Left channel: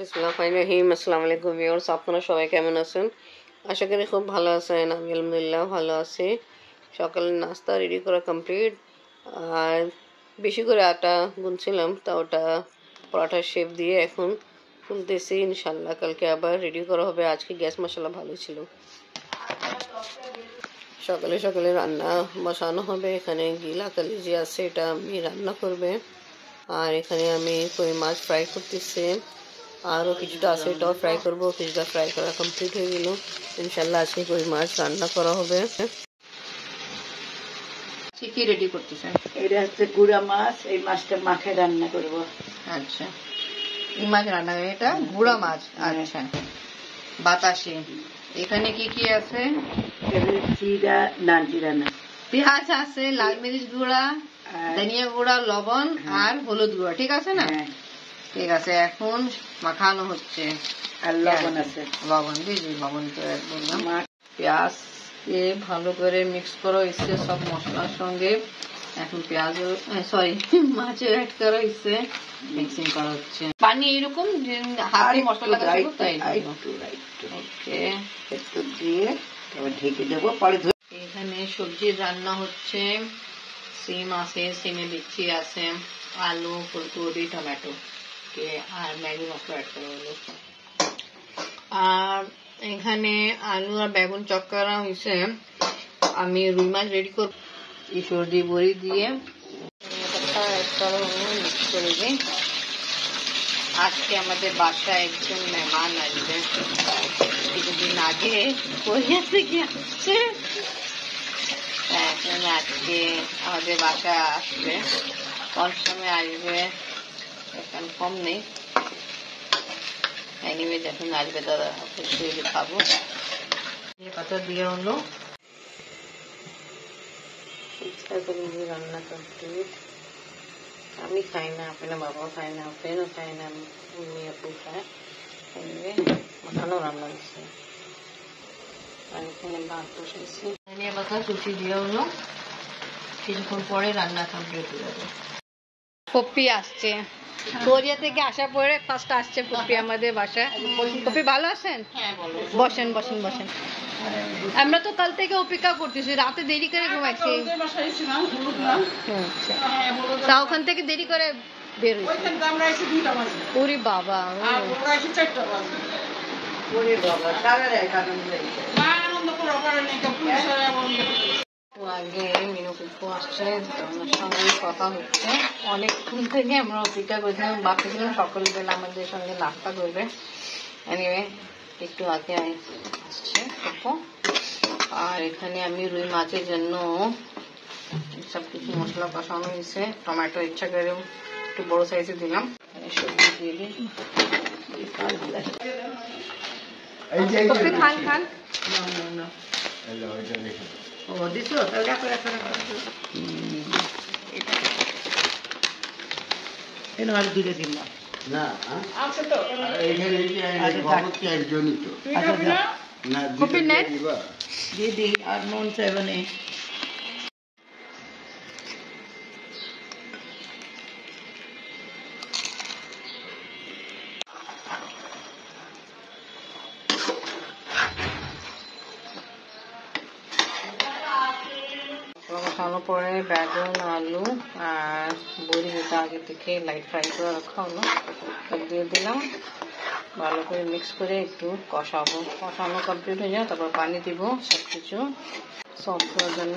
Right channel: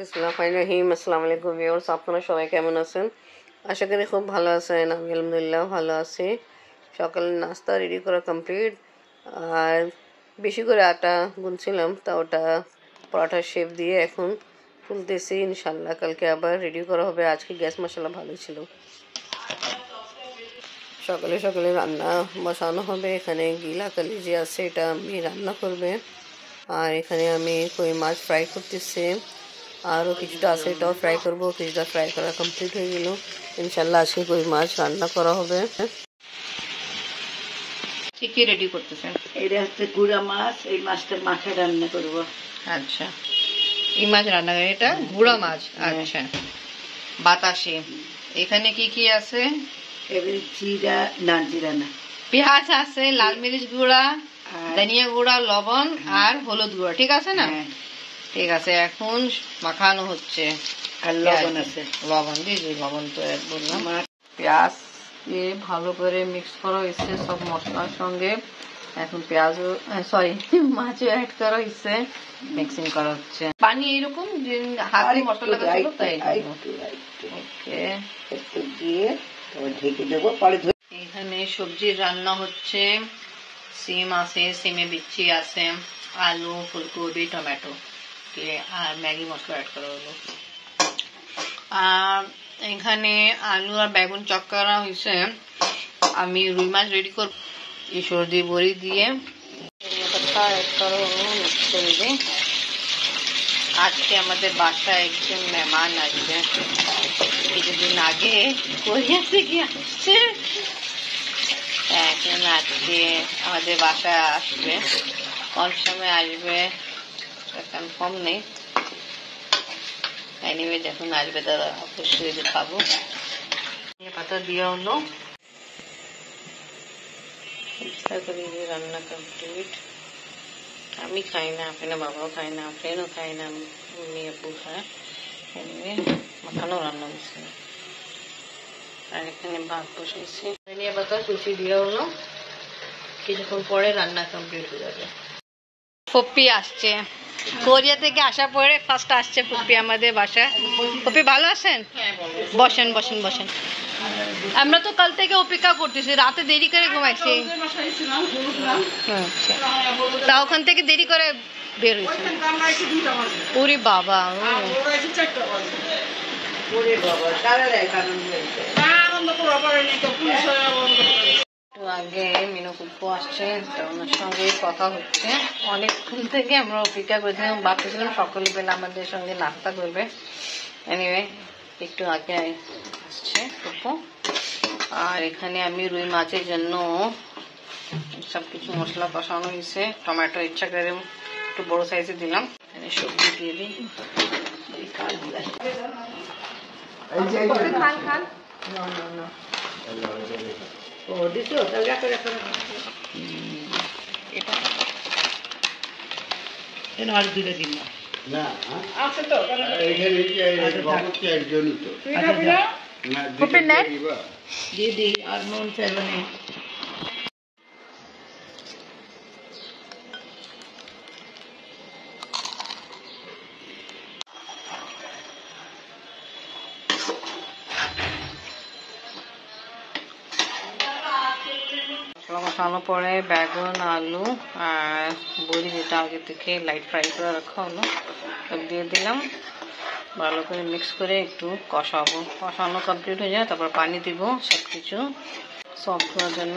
বিসমিল্লাহির আসসালামু আলাইকুম ভিউয়ার্স, আপনারা সবাই কেমন আছেন? আশা করি খুব ভালো আছেন। আমি আলহামদুলিল্লাহ ভালো আছি। সকালের নাস্তা রেডি করা কমপ্লিট। আর বেশি করে আটা গুনছিলাম, তা ওটা পরোটার শেপ দিয়ে এখন তুলতেছি। ইনশাল্লাহ কালকে আবার রেডি করা হবে। আজকে গ্যাস মশলা ভালো ছিল। সকালে সকালে রান্না বসানো হবে। এখানে গিলা কালিজি আছে, এটা আমি রান্না করবে। আর এখানে আমি কই মাছ ফ্রাই করতেছি। আরও কিছুটা আছে, এটাও ফ্রাই করবো। কিছুটা ফ্রাই করা কমপ্লিট হয়ে গেল। ইনশাল্লাহ আজকে কই মাছ রান্না করা হবে। কি কি রেডি করতেছেন? এটা হচ্ছে গুড়া মাছ। এই মাছটা মাখে রান্না করব। আচ্ছা, এই মাছ রান্না করে, এটা গুড়া মাছ। আচ্ছা, বাতাসি। এখানে কি কি আছে? জিরা না, জিরা না, পেঁয়াজ আছে, লাল মরিচ গুঁড়া, ধনিয়া গুঁড়া, লবণ আর হলুদ গুঁড়া। ঠিক আছে না? ঠিক আছে, এখন মাখানো হচ্ছে। লবণ আছে, লবণ জি জি, লবণ তো বললাম। পেঁয়াজ ভালো করে মিক্স করা হয়েছে সব মশলার সঙ্গে। এখন পেঁয়াজও সরি মাছও অ্যাড করা হয়েছে, মিক্সিং করা হচ্ছে। পানি এরকম হাতে মশলা লাগাবো, তাই ওকে দিয়ে ঢেকে দেবো। পরে এখানে সবজির রান্না হচ্ছে। সিম আছে, সিমে বিচি আছে, আলু, ফুলকপি, টমেটো আর ম্যাগি মশলা অ্যাড করা হলো। আর এখানে আলু আর বেগুন চপ করা হয়েছে। আমি রুই মাছ রেডি করব। এই সর্দি বড়ি দিয়ে মিক্স করে দিই। আজকে আমাদের বাসায় একজন মেহমান আসবে। কিছুদিন আগে কোরিয়া থেকে আসছে, এখন আজকে আমাদের বাসায় আসবে। কোন সময় আসবে কনফার্ম নেই। এনিওয়ে যখন আসবে তারা অবশ্যই খাবো। পাতা দেওয়া হলো, রান্না কমপ্লিট। আমি খাই না, আপনার বাবাও খায় না, ফ্রেন্ডও খায় না, মেয়ে আপু খায়। এনিওয়ে মাখানো রান্না হয়েছে। আর এখানে ভাত বসেছি। ধনিয়া পাতা কুচি দেওয়া হলো। কিছুক্ষণ পরে রান্না কমপ্লিট হয়ে যাবে। পপ্পি আসছে কোরিয়া থেকে, আসার পরে ফার্স্ট আসছে পপ্পি আমাদের বাসায়। পপ্পি ভালো আছেন? বসেন বসেন বসেন। আমরা তো কাল থেকে অপেক্ষা করতেছি, রাতে দেরি করে ঘুমাইছি। তা ওখান থেকে দেরি করে বের হয়েছে। ওরে বাবা, আগে মিনু কুপ্পু আসছে, ওনার সঙ্গে কথা হচ্ছে। অনেকক্ষণ থেকে আমরা অপেক্ষা করছিলাম, ভাবতেছিলাম সকালবেলা আমাদের সঙ্গে নাস্তা করবে। এনিওয়ে একটু আগে আসছে কুপ্পু। আর এখানে আমি রুই মাছের জন্য সবকিছু মশলা কষানো হয়েছে। টমেটো ইচ্ছা করে একটু বড় সাইজে দিলাম। এখানে সবজি দিয়ে দিই। খান খান। আর দূরে দিন না, দিদি আর মন চাইবনে। কষানোর পরে বেগুন, আলু আর বড়ি, যেটা আগে থেকে লাইট ফ্রাই করে রাখা হলো, দিয়ে দিলাম। ভালো করে মিক্স করে একটু কষাবো। কষানো কমপ্লিট হয়ে যায়, তারপর পানি দিব সবকিছু সফট হওয়ার জন্য।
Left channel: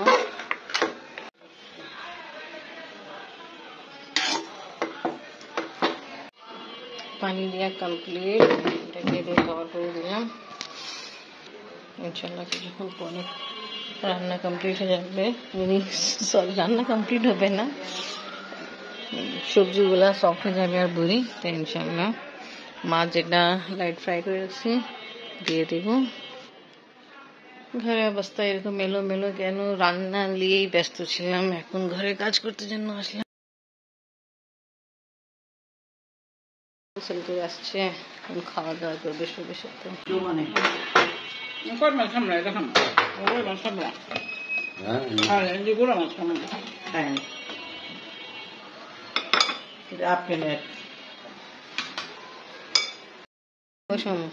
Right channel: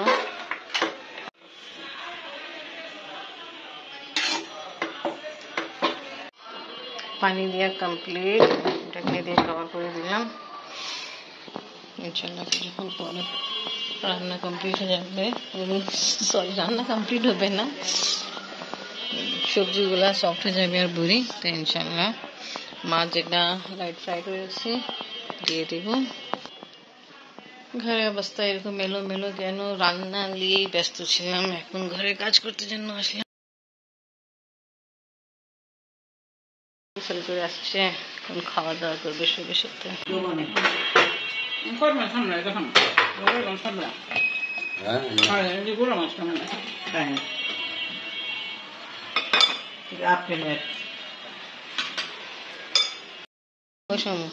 পানি দেওয়া কমপ্লিট, ঢাকনি দিয়ে কভার করে দিলাম। ইনশাল্লাহ কিছুক্ষণ পরে রান্না কমপ্লিট হয়ে যাবে। সরি, রান্না কমপ্লিট হবে না, সবজিগুলা সফট হয়ে যাবে আর বুড়ি। তো ইনশাল্লাহ মাছ যেটা লাইট ফ্রাই করেছি দিয়ে দিব। ঘরের অবস্থা এরকম মেলো মেলো, যেন রান্না নিয়েই ব্যস্ত ছিলাম। এখন ঘরের কাজ করতে জন্য আসলাম। করে আসছে, এখন খাওয়া দাওয়া করবে সবের সাথে। আপেল ওই সময়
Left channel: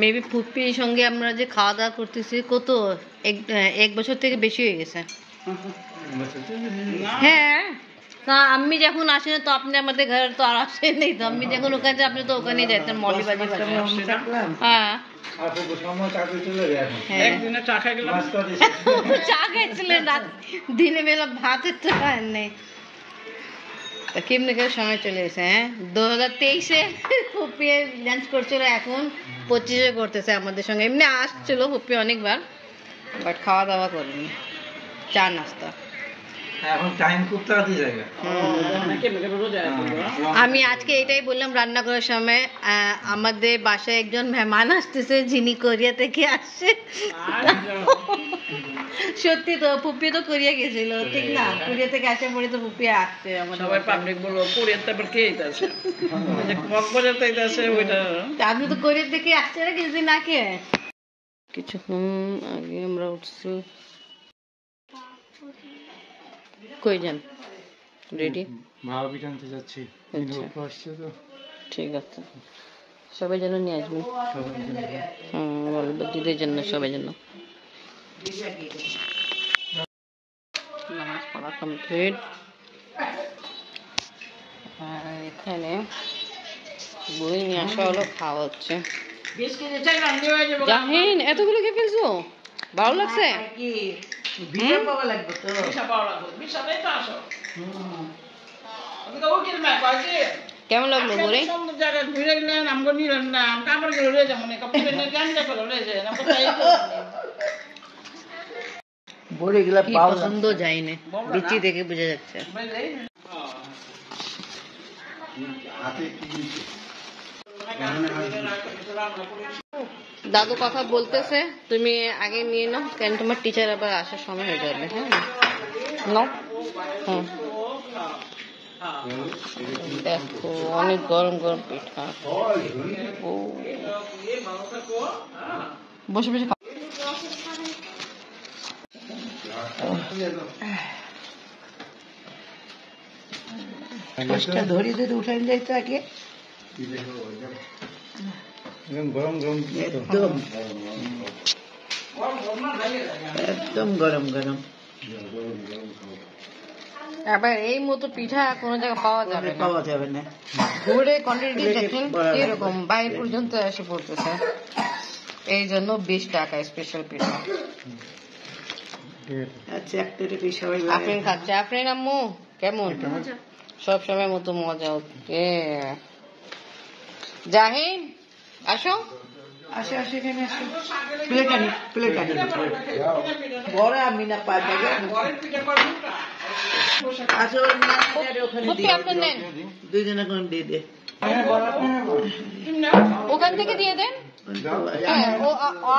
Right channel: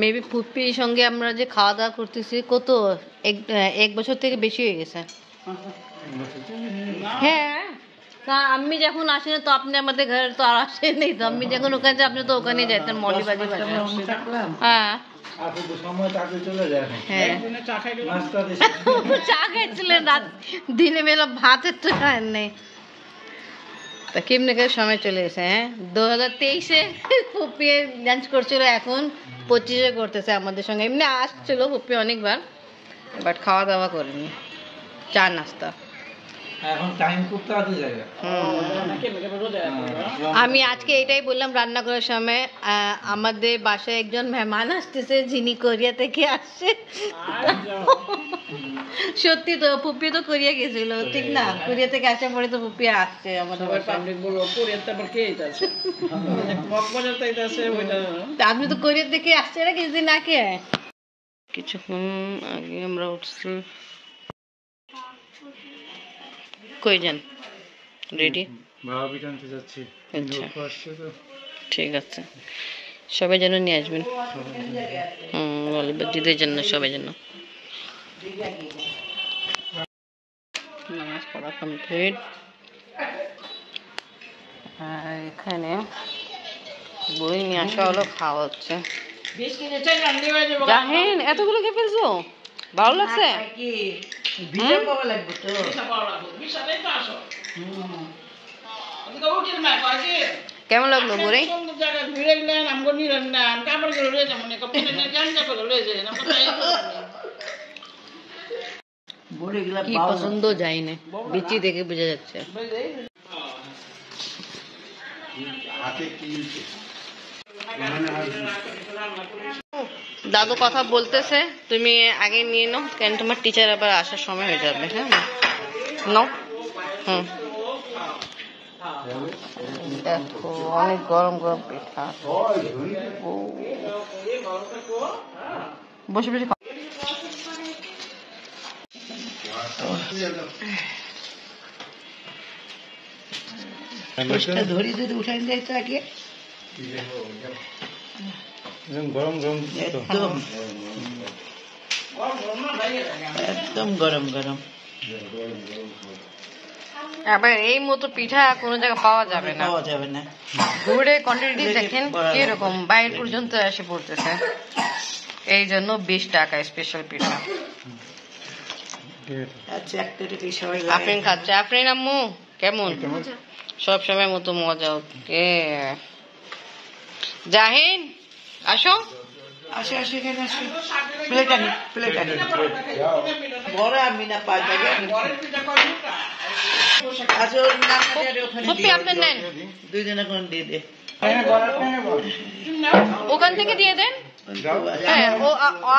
মেবি পুপির সঙ্গে আমরা যে খাওয়া দাওয়া করতেছি কত এক বছর থেকে বেশি হয়ে গেছে। হ্যাঁ, তা আমি যখন আসি না তো আপনি আমাদের ঘরে তো আর আসেন নেই, তো আমি যখন ওখানে আপনি তো ওখানে যেতেন মলিবাজি বাজার। হ্যাঁ চা খাইছিলেন রাত, দিনে বেলা ভাতের তো খান নেই। তা কেমনি করে সময় চলে এসে, হ্যাঁ 2023-এ পুপি লাঞ্চ করছিল, এখন 25-এ করতেছে আমাদের সঙ্গে। এমনি আসছিল পুপি অনেকবার, বাট খাওয়া দাওয়া করেনি, চা নাস্তা। এখন টাইম খুব তাড়াতাড়ি যায়। আমি আজকে এটাই বললাম রান্না করার সময়, আমাদের বাসায় একজন মেহমান আসতেছে যিনি কোরিয়া থেকে আসছে। সত্যি তো পুপি তো কোরিয়া গেছিল, ঠিক না? কোরিয়া থেকে আসার পরে তো পুপি আসছে আমাদের। আপনি তো কোরিয়া থেকে আসছে না কিছুদিন আগে, কিছুক্ষণ আগে আমরা উঠছি। কই যান? রেডি? ভাবি জানতে যাচ্ছি। ঠিক আছে, সবাই যেন নিয়ে আসবেন। বলিবাজিদের জন্য সবাই যেন। নামাজ পড়া কমপ্লিট। আর এখানে বই নিয়ে আসা হলো, খাওয়া হচ্ছে। জাহিন, এতগুলো খেয়ে ফেলছো? ভালো লাগছে? কেমন লাগলো ঘুরে? কি পছন্দ যায় না, বিচি দেখে বোঝা যাচ্ছে। দাদু কথা বলতেছে, তুমি আগে নিয়ে নাও, কেন তোমার টিচার আবার আসার সময় হয়ে যাবে। হ্যাঁ নাও। দেখো অনেক গরম গরম পিঠা। বসে বসে ধরি যদি উঠে যাই তো আগে গরম গরম একদম গরম গরম। আবার এই মতো পিঠা কোনো জায়গায় পাওয়া যাবে না, পাওয়া যাবে না। ঘুরে কোয়ান্টিটি দেখেন কিরকম, বাইরে পর্যন্ত এসে পড়তেছে। এই জন্য 20 টাকা স্পেশাল পিঠা। আচ্ছা, একটা সবাই আফরিন খাচ্ছে। আফরিন আম্মু কেমন? সব সময় মতো মজা। ওকে জাহিন, আসো আসো আসো, এখানে আসো। প্লেট আনি, প্লেট আনি। বড় আমি না পা জায়গা আসো না, পুপি আপনি নেন, দুইজনে কোন দিয়ে দে। ওখান থেকে দিয়ে দেন। হ্যাঁ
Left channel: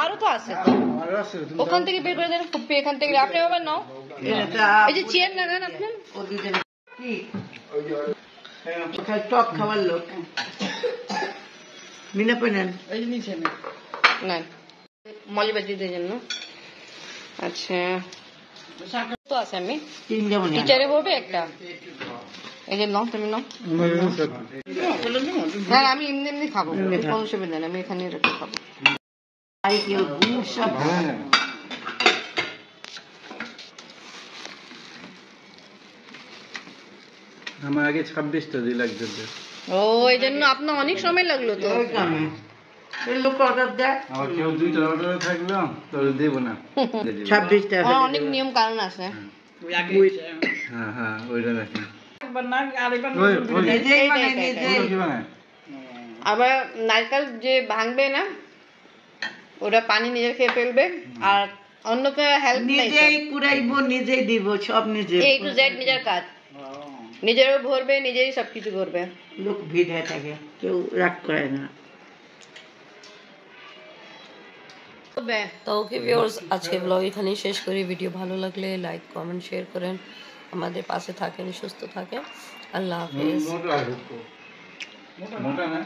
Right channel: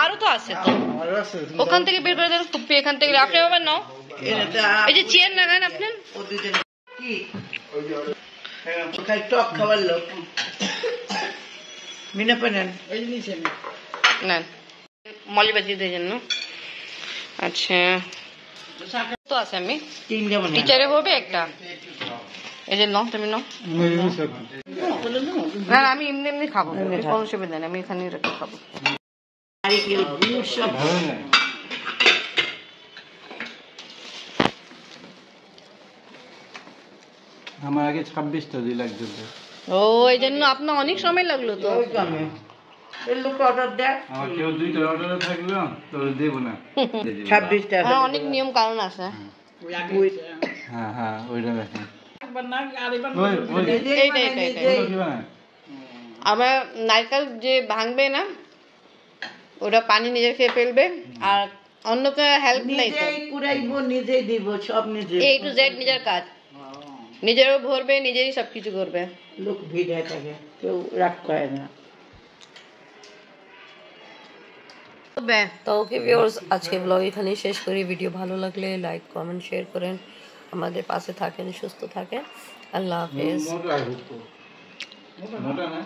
আরো তো আছে তো, ওখান থেকে বের করে দেন। পুপি এখান থেকে, আপনি আবার নাও। এই যে চেয়ার লাগান আপনার। কি টক খাবার লোক মিনা পেনেন নেন মলিবাজিদের জন্য। আচ্ছা তো আছে, আমি টিচারে বলবে একটা। এই যে নাও, তুমি নাও। না আমি এমনি এমনি খাবো, কোনো অসুবিধা নেই, আমি এখানে রেখে খাবো। আমার আগে 26টা দিন লাগবে। ও এই জন্য আপনার অনেক সময় লাগলো তো। আমার কেউ 2টা অর্ডারে থাকলো তো দেব না। 26টা অনেক নিয়ম কারণ আছে। হ্যাঁ হ্যাঁ, ওইটা দেখেন। আবার নারকেল যে ভাঙবে না, ওটা পানি নিজে খেয়ে ফেলবে, আর অন্যকে হেল্প নেই। নিজেই কুড়াইবো, নিজেই দিব, সব নিজে। A to Z নিজের কাজ, নিজেরও ভরবে, নিজেরই সবকিছু করবে। লোক ভিড় হয়ে থাকে, কেউ রাগ করে না। তো ওকে ভিউয়ার্স, আজকে ব্লগ এখানেই শেষ করি। ভিডিও ভালো লাগলে লাইক কমেন্ট শেয়ার করেন, আমাদের পাশে থাকেন, সুস্থ থাকেন। আল্লাহ হাফেজ। মোটা না।